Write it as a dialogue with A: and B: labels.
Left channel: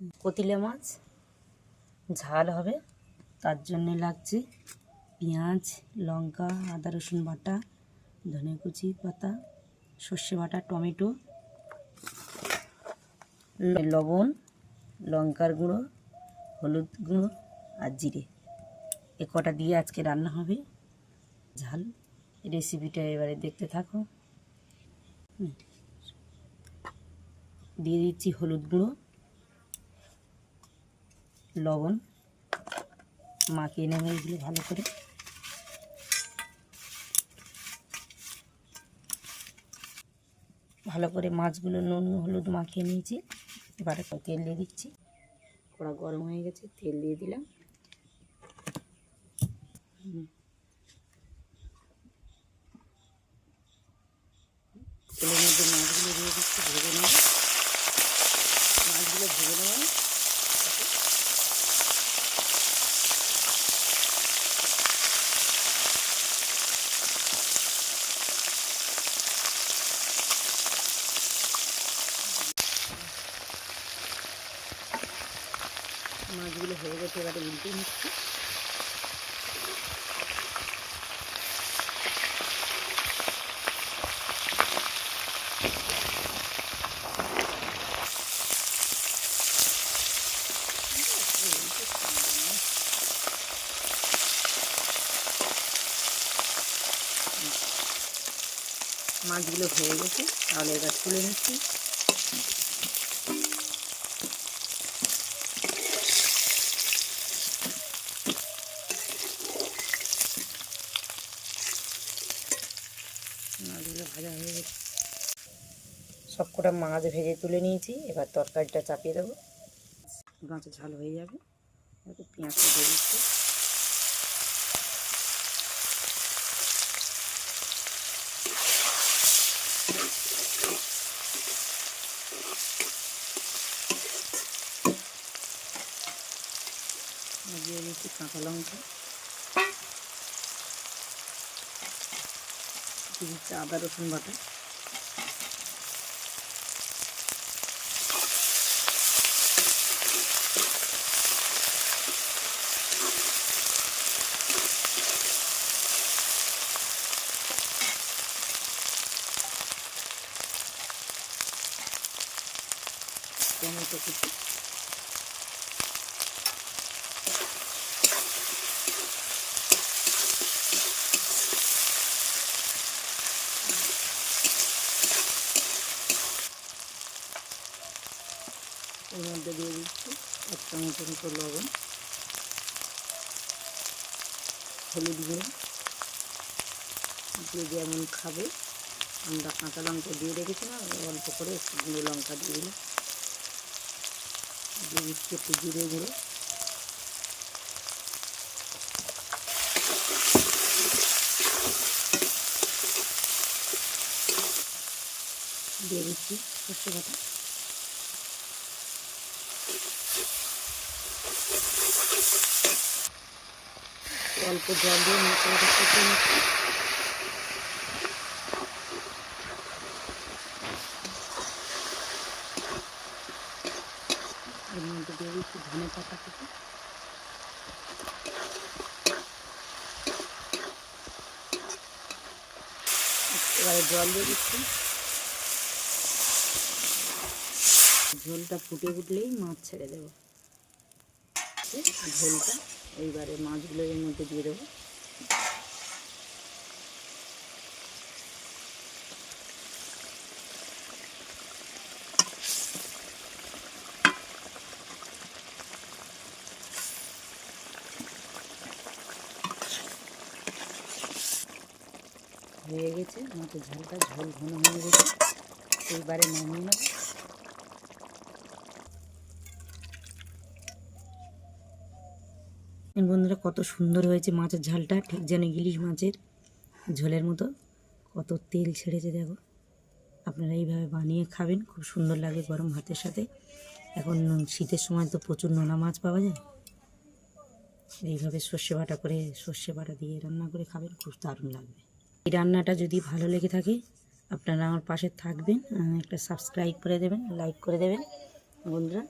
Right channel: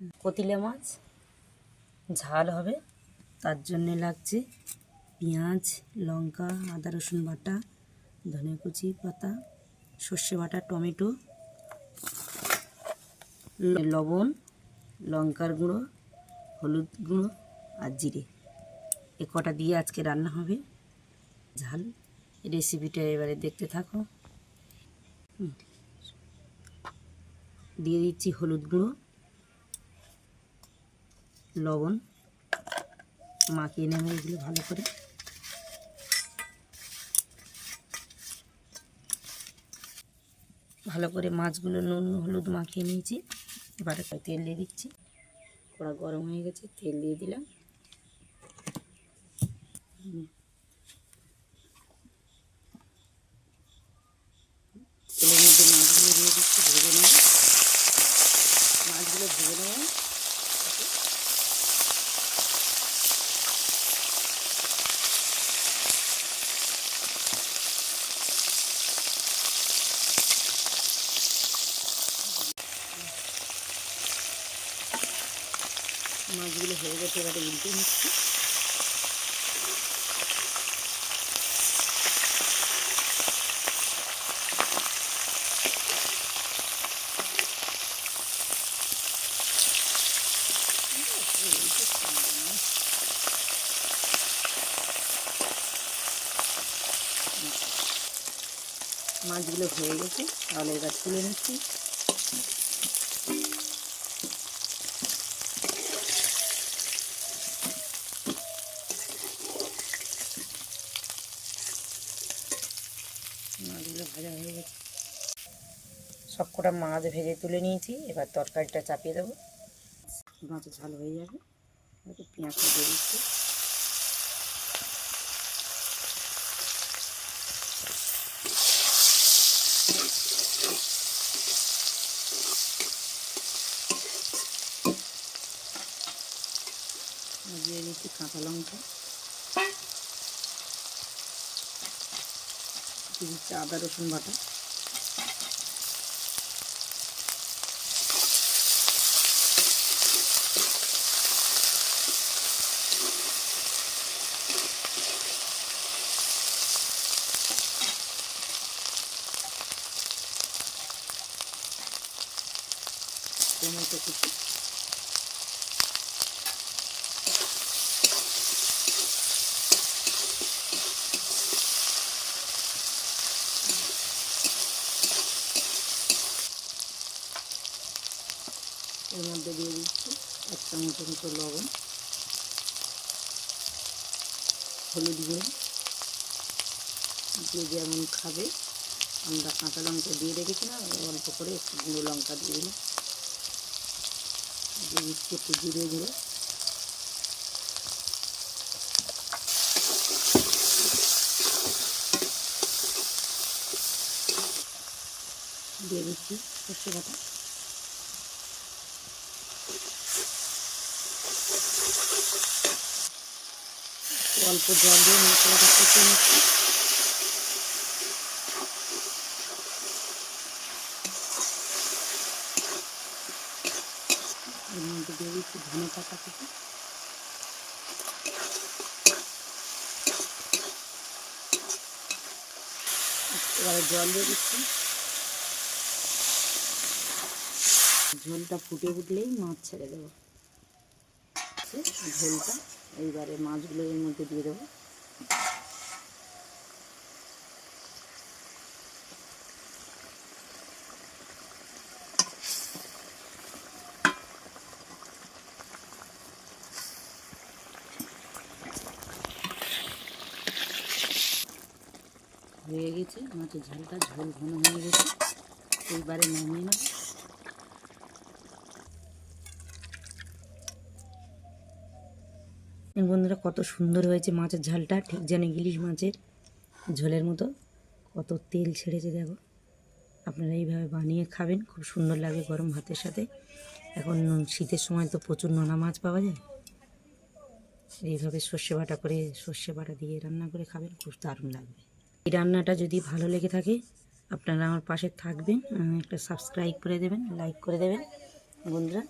A: কতিলে মাছ, ঝাল হবে। তার জন্যে লাগছে পেঁয়াজ, লঙ্কা, আদা, রসুন বাটা ধনে কুচি, পাতা, সর্ষে বাটা, টমেটো, লবণ, লঙ্কার গুঁড়ো, হলুদ গুঁড়ো আর জিরে। এ কটা দিয়ে আজকে রান্না হবে। ঝাল। রেসিপিটা এবারে দেখতে থাকো। দিয়ে দিচ্ছি হলুদ গুঁড়ো। লবণ মাখিয়ে নেবে এগুলো ভালো করে। ভালো করে মাছগুলো নুন, হলুদ মাখিয়ে নিয়েছি। এবারে তেল দিয়ে দিচ্ছি। কড়া গরম হয়ে গেছে, তেল দিয়ে দিলাম। তেলের মধ্যে মাছগুলো দিয়ে দিচ্ছি, ভেজে নেব। মাছগুলো ভেজে নেব মাছগুলো হয়ে গেছে এবারে উল্টে নিচ্ছি মাছগুলো হয়ে গেছে তাহলে এবার তুলে নিচ্ছি মাছগুলো ভাজা হয়ে গেছে। সব কটা মাছ ভেজে তুলে নিয়েছি, এবার তরকারিটা চাপিয়ে দেবো। মাছের ঝাল হয়ে যাবে একটু পেঁয়াজ দিয়ে দিচ্ছি। দিয়ে দিচ্ছি কাঁচা লঙ্কা। দিচ্ছি আদা রসুন বাটা। টমেটো কুচি। এর মধ্যে দিয়ে দিচ্ছি এক চামচের মতো লবণ, হলুদ গুঁড়ো। যে যেমন খাবে, আমরা কাঁচা লঙ্কা দিয়ে রেখেছিলাম অল্প করে একটু গুঁড়ো লঙ্কা দিয়ে দিলাম। দিয়ে দিচ্ছি একটু জিরে গুঁড়ো। দিয়ে দিচ্ছি সর্ষে বাটা। অল্প জল দিয়ে কষে নিচ্ছি এর মধ্যে দিয়ে দিচ্ছি ধনে পাতা কুচি। এবারে জল দিয়ে দিচ্ছি। ঝোলটা ফুটে উঠলেই মাছ ছেড়ে দেবো। ঝোলটা এইবারে মাছগুলো এর মধ্যে দিয়ে দেবো। হয়ে গেছে, মাছের ঝালটা ঝোল ঘন হয়ে গেছে। এইবারে নামিয়ে নেব। বন্ধুরা কত সুন্দর হয়েছে মাছের ঝালটা। ঠিক যেন ইলিশ মাছের ঝোলের মতো। কত তেল ছেড়েছে দেখো। আপনারা এইভাবে বানিয়ে খাবেন। খুব সুন্দর লাগে গরম ভাতের সাথে। এখন শীতের সময় তো প্রচুর নোনা মাছ পাওয়া যায়। এইভাবে সর্ষে বাটা করে সর্ষে বাটা দিয়ে রান্না করে খাবেন, খুব দারুণ লাগবে। এই রান্নাটা যদি ভালো লেগে থাকে, আপনারা আমার পাশে থাকবেন। একটা সাবস্ক্রাইব করে দেবেন লাইক করে দেবেন। বন্ধুরা